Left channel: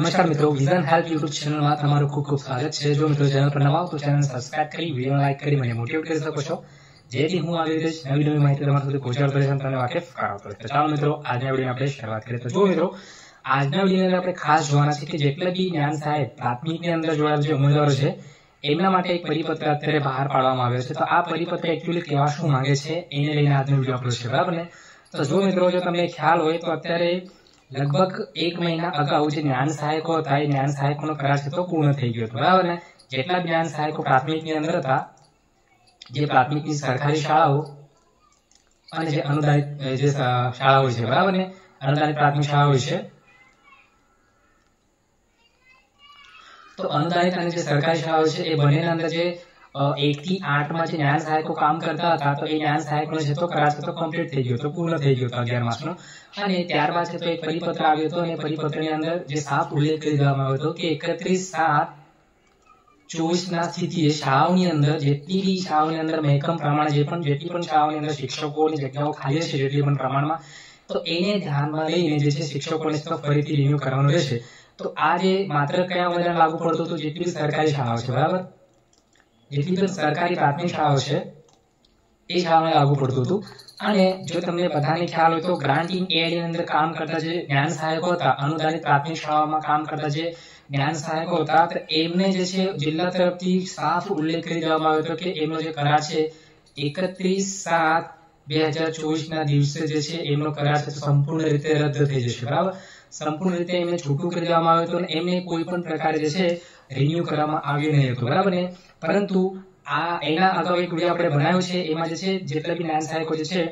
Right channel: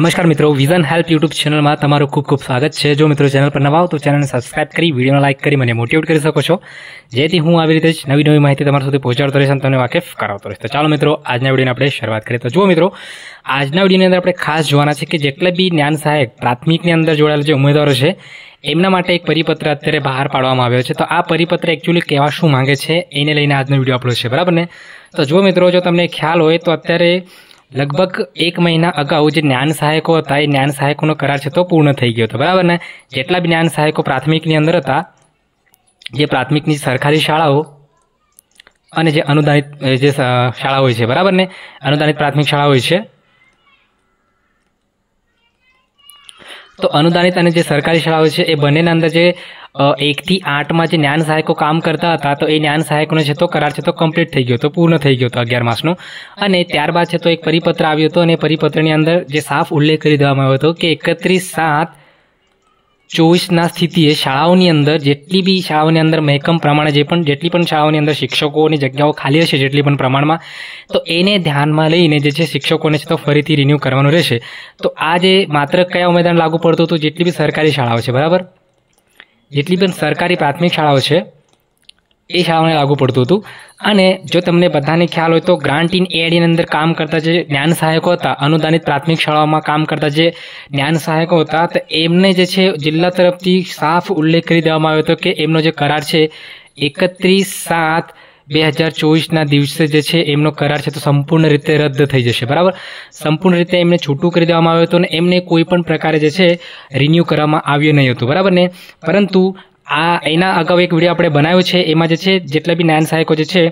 નમસ્કાર મિત્રો, vision help YouTube ચેનલમાં તમારું ખૂબ ખૂબ સ્વાગત છે। જો મિત્રો ચેનલ પર નવા હો તો ચેનલને સબસ્ક્રાઇબ કરી વિડીયોને લાઇક કરી મને મોટિવેટ કરી શકો છો, જેથી હું આવી રીતે જ નવી માહિતી તમારા સુધી પહોંચાડતો રહીશ અને તમને વાકેફ કરાવતો રહીશ। તો ચાલો મિત્રો, આજના વિડીયોની આપણે શરૂઆત કરીએ। તો જો મિત્રો, આજના વિડીયોની અંદર આપણે ખાસ જોવાના છે કે જેટલા બી જ્ઞાન સહાયક પ્રાથમિકની અંદર જોડાયેલા જે ઉમેદવારો છે એમના માટે એક પરિપત્ર અત્યારે બહાર પાડવામાં આવ્યો છે। તો આ પરિપત્ર એકચ્યુઅલી કહેવા શું માંગે છે એને લઈને આજનો વિડીયો અપલોડ છે, બરાબર ને। તો જો મિત્રો, જો તમને ખ્યાલ હોય તો અત્યારે લગભગ 1 મહિના અગાઉ જે જ્ઞાન સહાયકો હતા એ જ્ઞાન સહાયકોનો કરાર છે તો પૂર્ણ થઈ ગયો હતો, બરાબર ને। જેટલા બી જ્ઞાન સહાયકો પ્રાથમિકની અંદર હતા, જે પ્રાથમિકની સરકારી શાળાઓ અને જે અનુદાનિત જે શાળાઓ હોય છે, બરાબર ને, અનુદાનિત પ્રાથમિક શાળાઓ હોય છે, તો અનુદાનિત અને જે સરકારી શાળાઓ છે એ બંનેના અંદર જે 1 થી 8 માં જે જ્ઞાન સહાયકો કામ કરતા હતા, તો એ જ્ઞાન સહાયકોનો છે તો કરાર છે તો કમ્પ્લીટ થઈ ગયો હતો, પૂર્ણ થઈ ગયો હતો 11 માસનો। અને ત્યારબાદ છે તો એક પરિપત્ર આવ્યો હતો અને પરિપત્રની અંદર જે સાફ ઉલ્લેખ કરી દેવામાં આવ્યો હતો કે 31/7/24 સ્થિતિએ શાળાઓની અંદર જેટલી બી શાળાઓની અંદર મહેકમ પ્રમાણે જેટલી પણ શાળાઓની અંદર શિક્ષકોની જગ્યાઓ ખાલી હશે જેટલી પણ પ્રમાણમાં, તો એને ધ્યાનમાં લઈને જે છે શિક્ષકોને છે તો ફરીથી રિન્યૂ કરવાનું રહેશે। તો આ જે માત્ર કયા ઉમેદવારને લાગુ પડતું હતું, જેટલી બી સરકારી શાળાઓ છે, બરાબર, જેટલી પણ સરકારી પ્રાથમિક શાળાઓ છે એ શાળાઓને લાગુ પડતું હતું। અને જો તમને બધાને ખ્યાલ હોય તો ગ્રાન્ટ ઇન એડની અંદર કામ કરતા જે જ્ઞાન સહાયકો હતા, અનુદાનિત પ્રાથમિક શાળાઓમાં કામ કરતા જે જ્ઞાન સહાયકો હતા, તો એમને જે છે જિલ્લા તરફથી સાફ ઉલ્લેખ કરી દેવામાં આવ્યો હતો કે એમનો જે કરાર છે 31/7/2024 દિવસે જે છે એમનો કરાર છે તો સંપૂર્ણ રીતે રદ થઈ જશે, બરાબર। સંપૂર્ણ રીતે એમને છૂટું કરી દેવામાં આવ્યું હતું અને એમને કોઈ પણ પ્રકારે જે છે રિન્યૂ કરવામાં આવ્યું નહીં હતું, બરાબર ને। પરંતુ એના અગાઉ એક વિડીયો આપણે બનાવ્યો છે, એમાં જે છે જેટલા બી જ્ઞાન સહાયકો જે છે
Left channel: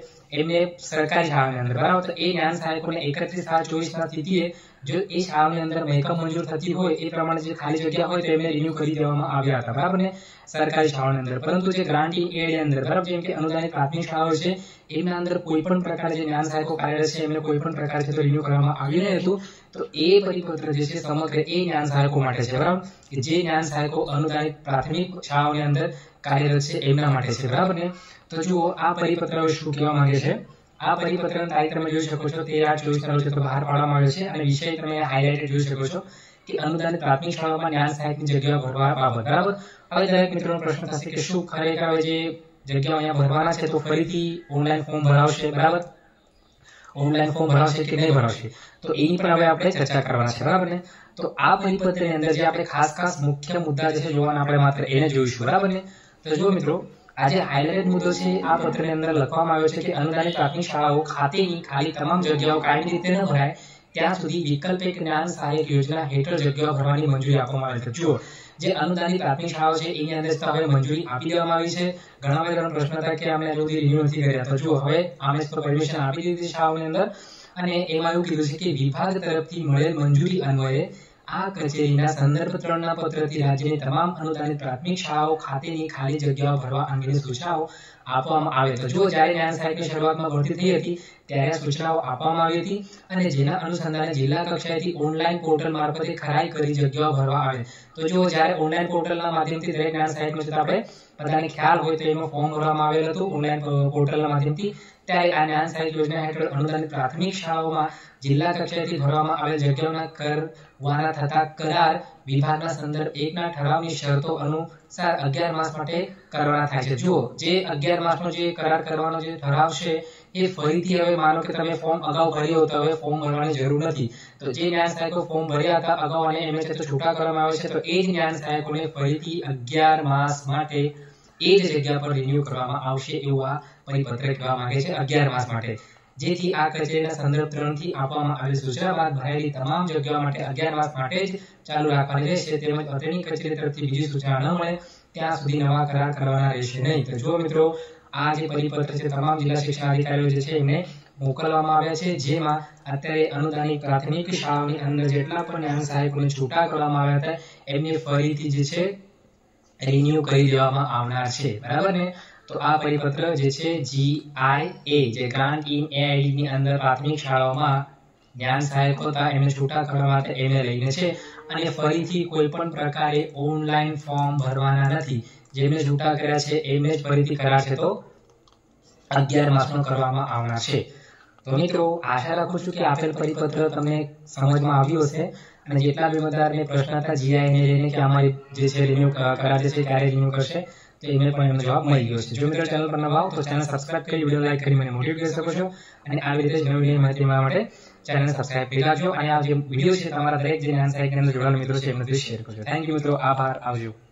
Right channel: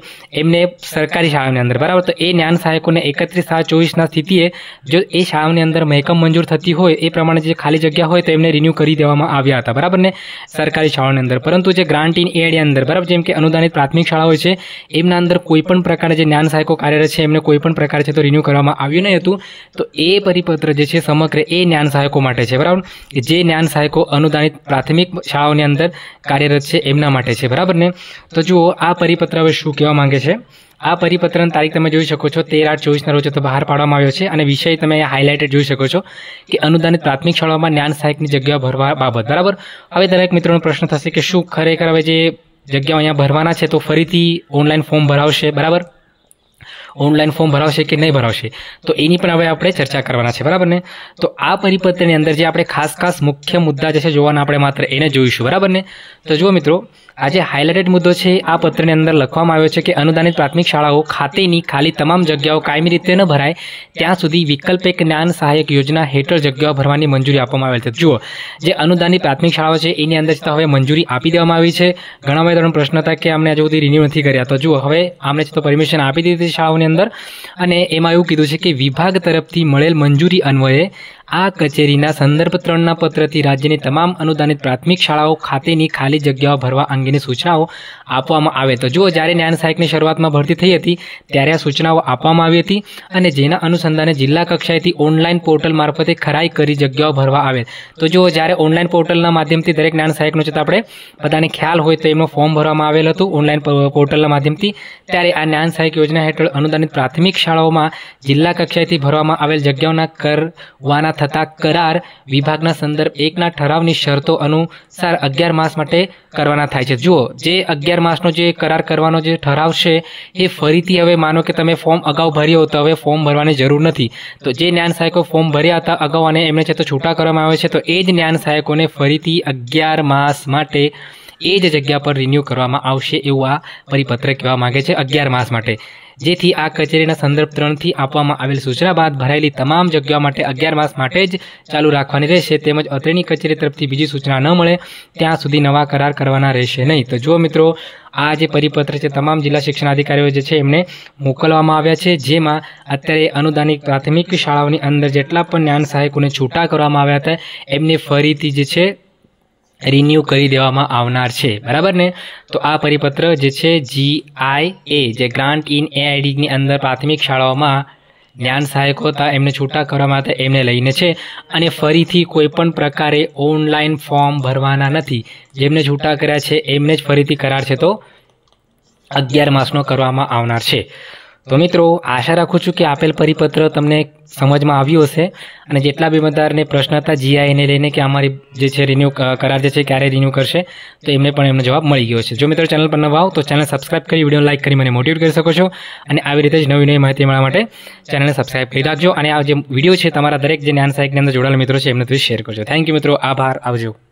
એમને સરકારી શાળાની અંદર, બરાબર, તો એ જ્ઞાન સહાયકોને 31/7/24 સ્થિતિએ જો એ શાળાની અંદર મહેકમ મંજૂર થતી હોય એ પ્રમાણે જે ખાલી જગ્યા હોય તો એમને રિન્યૂ કરી દેવામાં આવ્યા હતા, બરાબર ને, સરકારી શાળાની અંદર। પરંતુ જે ગ્રાન્ટ ઇન એડની અંદર, બરાબર, જેમ કે અનુદાનિત પ્રાથમિક શાળા હોય છે એમના અંદર કોઈ પણ પ્રકારે જે જ્ઞાન સહાયકો કાર્યરત છે એમને કોઈ પણ પ્રકારે છે તો રિન્યૂ કરવામાં આવ્યું નહીં હતું। તો એ પરિપત્ર જે છે સમગ્ર એ જ્ઞાન સહાયકો માટે છે, બરાબર, જે જ્ઞાન સહાયકો અનુદાનિત પ્રાથમિક શાળાઓની અંદર કાર્યરત છે એમના માટે છે, બરાબર ને। તો જુઓ, આ પરિપત્ર હવે શું કહેવા માંગે છે। આ પરિપત્રની તારીખ તમે જોઈ શકો છો 13/8/24 રોજ તો બહાર પાડવામાં આવ્યો છે અને વિષય તમે હાઇલાઇટેડ જોઈ શકો છો કે અનુદાનિત પ્રાથમિક શાળાઓમાં જ્ઞાન સહાયકની જગ્યા ભરવા બાબત, બરાબર। હવે દરેક મિત્રોનો પ્રશ્ન થશે કે શું ખરેખર હવે જે જગ્યાઓ અહીંયા ભરવાના છે તો ફરીથી ઓનલાઈન ફોર્મ ભરાવશે, બરાબર, ઓનલાઈન ફોર્મ ભરાવશે કે નહીં ભરાવશે, તો એની પણ હવે આપણે ચર્ચા કરવાના છે, બરાબર ને। તો આ પરિપત્રની અંદર જે આપણે ખાસ મુખ્ય મુદ્દા જે છે જોવાના આપણે માત્ર એને જોઈશું, બરાબર ને। તો જુઓ મિત્રો, આ જે હાઇલાઇટેડ મુદ્દો છે આ પત્રની અંદર લખવામાં આવ્યો છે કે અનુદાનિત પ્રાથમિક શાળાઓ ખાતેની ખાલી તમામ જગ્યાઓ કાયમી રીતે ન ભરાય ત્યાં સુધી વિકલ્પિક જ્ઞાન સહાયક યોજના હેઠળ જગ્યાઓ ભરવાની મંજૂરી આપવામાં આવેલ છે। જુઓ, જે અનુદાનિત પ્રાથમિક શાળાઓ છે એની અંદર તો હવે મંજૂરી આપી દેવામાં આવી છે। ઘણા બધા પ્રશ્ન હતા કે અમને હજુ સુધી રિન્યૂ નથી કર્યા, તો જુઓ હવે આમને તો પરમિશન આપી દીધી શાળાઓની અંદર અને એમાં એવું કીધું છે કે વિભાગ તરફથી મળેલ મંજૂરી અન્વયે આ કચેરીના સંદર્ભ 3ના પત્રથી રાજ્યની તમામ અનુદાનિત પ્રાથમિક શાળાઓ ખાતેની ખાલી જગ્યાઓ ભરવા અંગેની સૂચનાઓ આપવામાં આવે। તો જુઓ, જ્યારે જ્ઞાન સહાયકની શરૂઆતમાં ભરતી થઈ હતી ત્યારે આ સૂચનાઓ આપવામાં આવી હતી અને જેના અનુસંધાને જિલ્લા કક્ષાએથી ઓનલાઈન પોર્ટલ મારફતે ખરાઈ કરી જગ્યાઓ ભરવા આવે। તો જુઓ, જ્યારે ઓનલાઈન પોર્ટલના માધ્યમથી દરેક જ્ઞાન સહાયકનો છે તો આપણે બધાને ખ્યાલ હોય તો એમનો ફોર્મ ભરવામાં આવેલ હતું ઓનલાઈન પોર્ટલના માધ્યમથી, ત્યારે આ જ્ઞાન સહાયક યોજના હેઠળ અનુદાનિત પ્રાથમિક શાળાઓમાં જિલ્લા કક્ષાએથી ભરવામાં આવેલ જગ્યાઓના કરવાના થતા કરાર વિભાગના સંદર્ભ 1ના ઠરાવની શરતો અનુસાર 11 માસ માટે કરવાના થાય છે। જુઓ, જે 11 માસનો જે કરાર કરવાનો જે ઠરાવ છે એ ફરીથી હવે માનો કે તમે ફોર્મ અગાઉ ભર્યો તો હવે ફોર્મ ભરવાની જરૂર નથી। તો જે જ્ઞાન સહાયકો ફોર્મ ભર્યા હતા અગાઉ અને એમને છે તો છૂટા કરવામાં આવે છે, તો એ જ જ્ઞાન સહાયકોને ફરીથી 11 માસ માટે એ જ જગ્યા પર રિન્યૂ કરવામાં આવશે એવું આ પરિપત્ર કહેવા માંગે છે, 11 માસ માટે, જેથી આ કચેરીના સંદર્ભ 3થી આપવામાં આવેલ સૂચના બાદ ભરાયેલી તમામ જગ્યાઓ માટે 11 માસ માટે જ ચાલુ રાખવાની રહેશે, તેમજ અત્રેની કચેરી તરફથી બીજી સૂચના ન મળે ત્યાં સુધી નવા કરાર કરવાના રહેશે નહીં। તો જો મિત્રો, આ જે પરિપત્ર છે તમામ જિલ્લા શિક્ષણ અધિકારીઓ જે છે એમને મોકલવામાં આવ્યા છે, જેમાં અત્યારે અનુદાનિત પ્રાથમિક શાળાઓની અંદર જેટલા પણ જ્ઞાન સહાયકોને છૂટા કરવામાં આવ્યા હતા એમને ફરીથી જે છે રિન્યૂ કરી દેવામાં આવનાર છે, બરાબર ને। તો આ પરિપત્ર જે છે GIA, જે ગ્રાન્ટ ઇન એઆઈડીની અંદર પ્રાથમિક શાળાઓમાં જ્ઞાન સહાયકો હતા એમને છૂટા કરવામાં હતા એમને લઈને છે અને ફરીથી કોઈ પણ પ્રકારે ઓનલાઈન ફોર્મ ભરવાના નથી। જેમને છૂટા કર્યા છે એમને જ ફરીથી કરાર છે તો 11 માસનો કરવામાં આવનાર છે। તો મિત્રો આશા રાખું છું કે આપેલ પરિપત્ર તમને સમજમાં આવ્યું હશે અને જેટલા બી મતદારને પ્રશ્ન હતા જીઆઈને લઈને કે અમારી જે છે રિન્યુ કરાર જે છે ક્યારે રિન્યુ કરશે તો એમને પણ એમનો જવાબ મળી ગયો છે. જો મિત્રો ચેનલ પર નવા આવો તો ચેનલ સબસ્ક્રાઇબ કરી વિડીયો લાઇક કરી મને મોટિવેટ કરી શકો છો અને આવી રીતે જ નવી માહિતી મળવા માટે ચેનલને સબસ્ક્રાઇબ કરી રાખજો અને આ જે વિડીયો છે તમારા દરેક જે જ્ઞાન સહાયકની અંદર જોડાયેલા મિત્રો છે એમને શેર કરજો. થેન્ક યુ મિત્રો, આભાર, આવજો.